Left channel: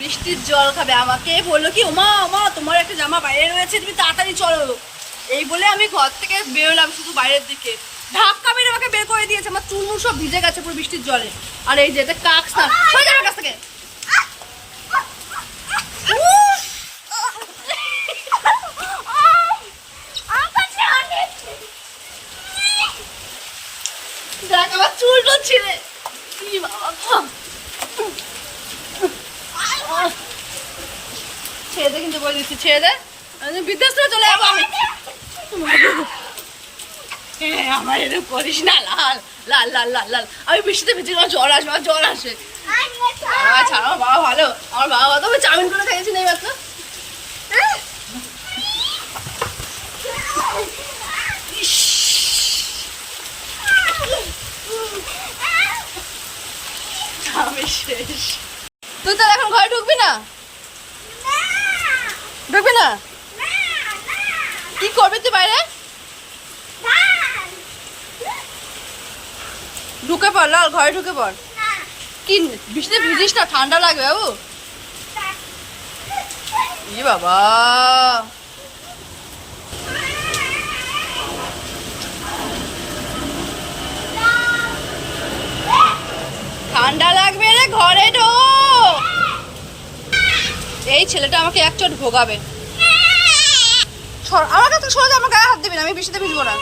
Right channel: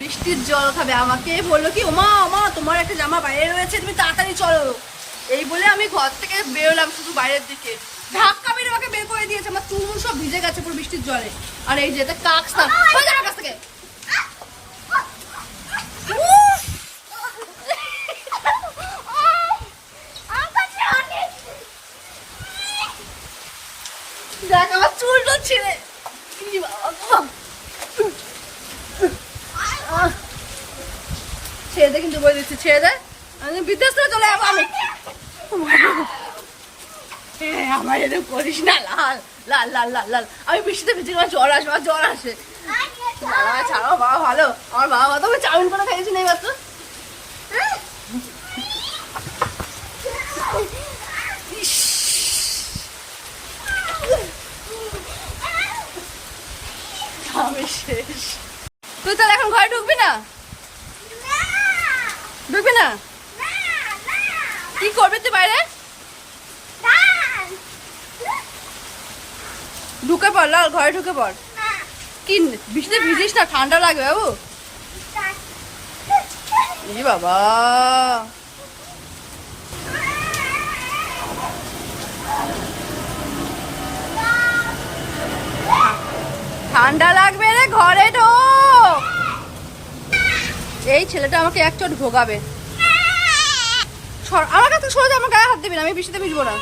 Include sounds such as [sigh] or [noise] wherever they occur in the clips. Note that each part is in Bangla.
বৃষ্টির জল খাবে। আমাকে বলল কি, ওমা ওমা, তোমার একটা জামা বাইরে রয়েছে, তুমি তাড়াতাড়ি চলো। এই বলে আমি ঘর থেকে বেরোলাম শুধু বাইরের দিকে। ধাক্কা মেরে আমাকে বের করে দিয়েছে, আমার চুলমুল সব ভিজে গেছে পুরো বৃষ্টির জলে। আর এই যেটা কাক সরে যাবে কাছ থেকে। দেখ, আমার চুল ছিঁড়ে। বাবা ছেড়ে দে কিন্তু বই দিচ্ছি ছেড়ে দে। আমি বিদেশ থেকে চলে যাব আমি। হ্যাঁ, আমার এরকম করিস না লাল লাল লাল লাল লাল। আমি বৃষ্টিতে ভিজে আমার জ্বর আসে আমার জ্বর আসে বাবা ছাড়ো বাবা ভালো। আমার বাবা তো আমি চাউমিন করে খাইয়েছি না তো আমি শেষ। তুই তাহলে এখন ঘরে ঢুকবি না? ঢুকবি না? কি করবি তুই বাইরে? ঢুকে পড়, লাল, ঘরে ঢুকে পড়। কি, বৃষ্টিতে ভিজিস না? ঠান্ডা লাগবে বাবু। বাবা। ঠান্ডা লাগবে রে ঘরে ঢোক এই ছেলেটা আমাকে এক চট ভোগাবে আমাকে তো সরে আমার গায়ে হাত দেবে না, আমি বৃষ্টিতে মিশবো না।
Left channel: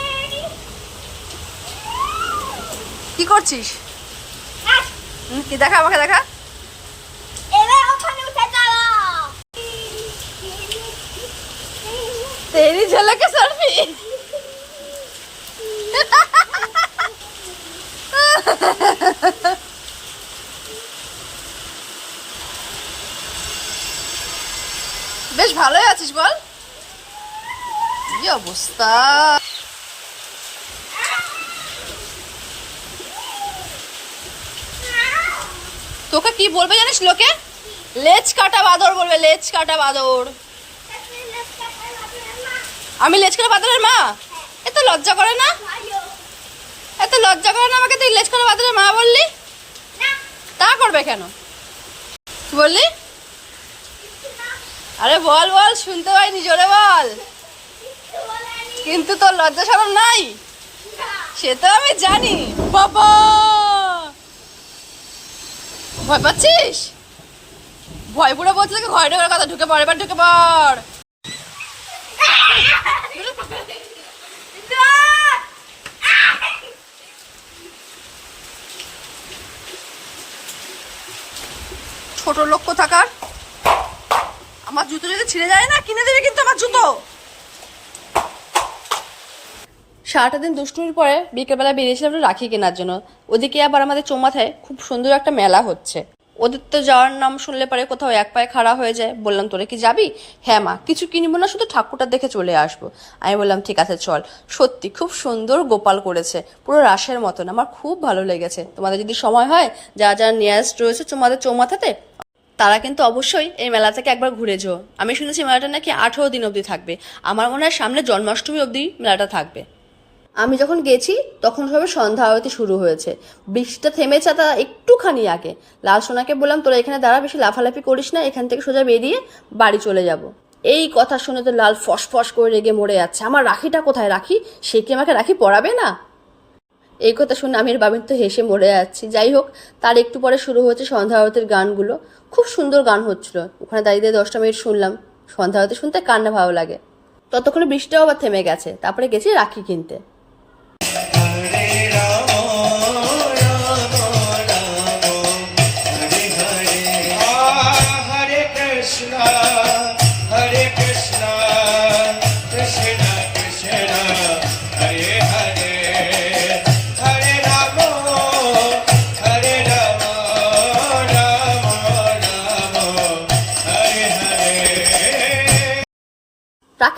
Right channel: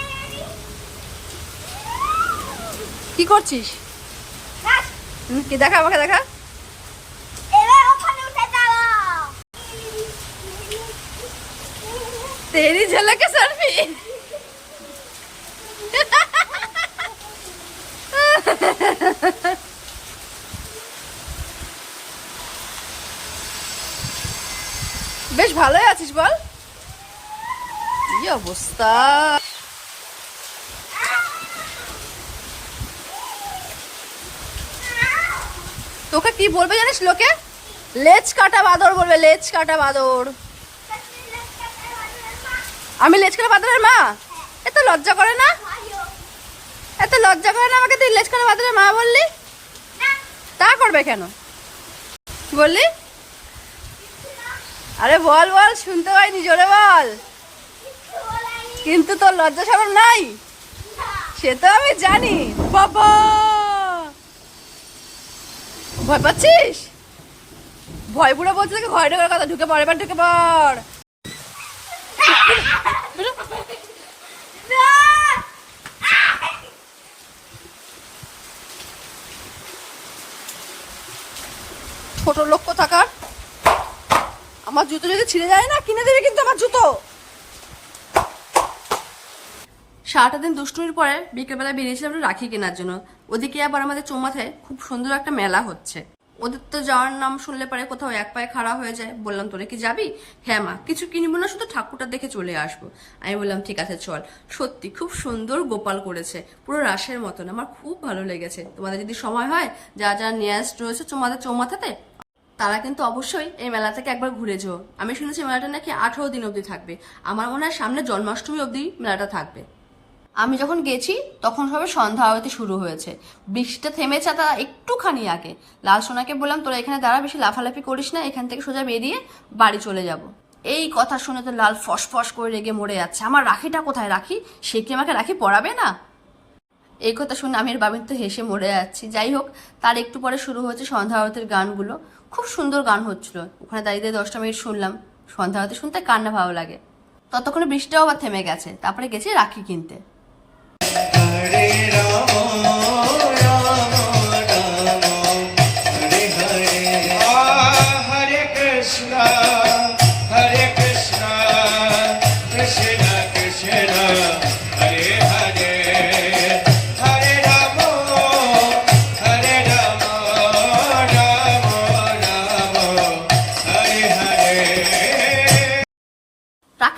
কি করছিস? দেখা, আমাকে দেখা। তেরি ঝলকে সারফি [laughs] বেশ ভালোই আছিস বল। কি অবস্থা? তোকে কি বলবে জানিস লোকে? লেজ কাটা বাদর বলবে, লেজ কাটা বাদর। আমি লেজ কাটা বাদরের মা? এত লজ্জা করে না? এত লজ্জা করে না আমাকে তুই লেজ কাটা বাদরের মা বললি? তা করবে কেন? বললি? আরে বল বল, শুনতে পাইনি, জোরে বল। কিন্তু তোর লজ্জা সরম নাই? সে তো আমি জানি। বাবা! ভয় পাচ্ছিস? ভয় পুরো বলছে কি ঘরে ঢোকার কথা? ঢুকে পড়, এবার ঢুকে পড়। ছোট লক্ষ্য থাকার আমার জুতো যদি ছিঁড়ে যায় না, কিনে দেবে কিন্তু আমার জুতো। সারাটা দিন দুষ্টুমির পরে বিকেলবেলা বেরিয়েছিলাম রাখি কেনার জন্য। ওদিকে আবার আমাদের চৌমাথায় খুব সুন্দর একটা মেলা হচ্ছে। ওদের তো যাওয়ার নাম শুনলে পরে কোথাও এক পায়ে খাড়া হয়ে যায়। বললাম, তোরে কি যাবি? হ্যাঁ মা, কিছু কিনবো না, শুধু ঠাকুরটা দেখে চলে আসব। আমি বললাম, ঠিক আছে, চল। সত্যি খুব সুন্দর গোপাল করেছে। পুরো রাসের মতন। আমার খুব ভালো লেগেছে। তোমাদের যদি সময় হয়, যা যা নিয়ারেস্ট রয়েছে তোমাদের চৌমাথাতে তারা কিন্তু অবশ্যই এই মেলা থেকে একবার ঘুরে যেও। আমি শুনেছি মেলাটা নাকি আঠেরো দিন অবধি থাকবে। আমার মনে হয় সামনে জন্মাষ্টমী অবধি মেলাটা থাকবে। আমি যখন গেছি, তখন সবে সন্ধ্যা আরতি শুরু হয়েছে। বৃষ্টিটা থেমেছে তা একটুখানি আগে। লাল সোনাকে বললাম, তোরা এখানে দাঁড়া, বেশি লাফালাফি করিস না, এখান থেকে সোজা বেরিয়ে বাড়ি চলে যাব। এই কথা শুনে তো লাল ফসফস করে রেগে মরে যাচ্ছে। আমার রাখিটা কোথায় রাখি? সে কি আমাকে রাখি পড়াবে না? এই কথা শুনে আমির বাবিন তো হেসে মরে যাচ্ছি। যাই হোক, তার একটু পরে শুরু হয়েছে সন্ধ্যা আরতের গানগুলো। খুব সুন্দর গান হচ্ছিল। ওখানে দাঁড়িয়ে দশটা মিনিট শুনলাম। সন্ধ্যা আরতি শুনতে কান্না ভালো লাগে। ততক্ষণে বৃষ্টিটাও আবার থেমে গেছে। তারপরে গেছি রাখি কিনতে।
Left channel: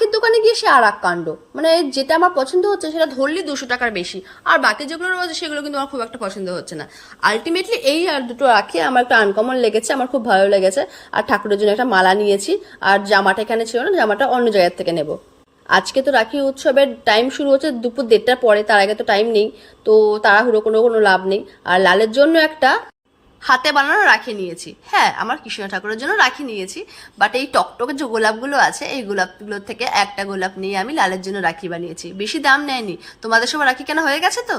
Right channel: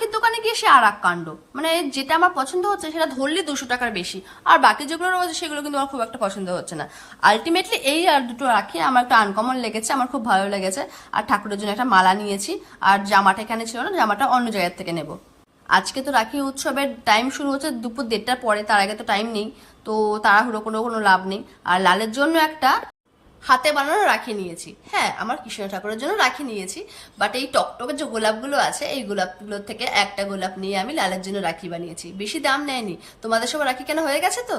রাখির দোকানে গিয়ে সে আর এক কাণ্ড। মানে যেটা আমার পছন্দ হচ্ছে সেটা ধরলে দুশো টাকার বেশি। আর বাকি যেগুলো রয়েছে সেগুলো কিন্তু আমার খুব একটা পছন্দ হচ্ছে না। আলটিমেটলি এই আর দুটো রাখি আমার একটা আনকমন লেগেছে, আমার খুব ভালো লেগেছে। আর ঠাকুরের জন্য একটা মালা নিয়েছি। আর জামাটা এখানে ছিল না, জামাটা অন্য জায়গার থেকে নেব। আজকে তো রাখি উৎসবের টাইম শুরু হচ্ছে দুপুর দেড়টার পরে, তার আগে তো টাইম নেই। তো তাড়াহুড়ো কোনো কোনো লাভ নেই। আর লালের জন্য একটা হাতে বানানো রাখি নিয়েছি। হ্যাঁ আমার কৃষ্ণ ঠাকুরের জন্য রাখি নিয়েছি বাট এই টকটকে যে গোলাপগুলো আছে, এই গোলাপগুলোর থেকে একটা গোলাপ নিয়ে আমি লালের জন্য রাখি বানিয়েছি। বেশি দাম নেয়নি। তোমাদের সব রাখি কেন হয়ে গেছে তো?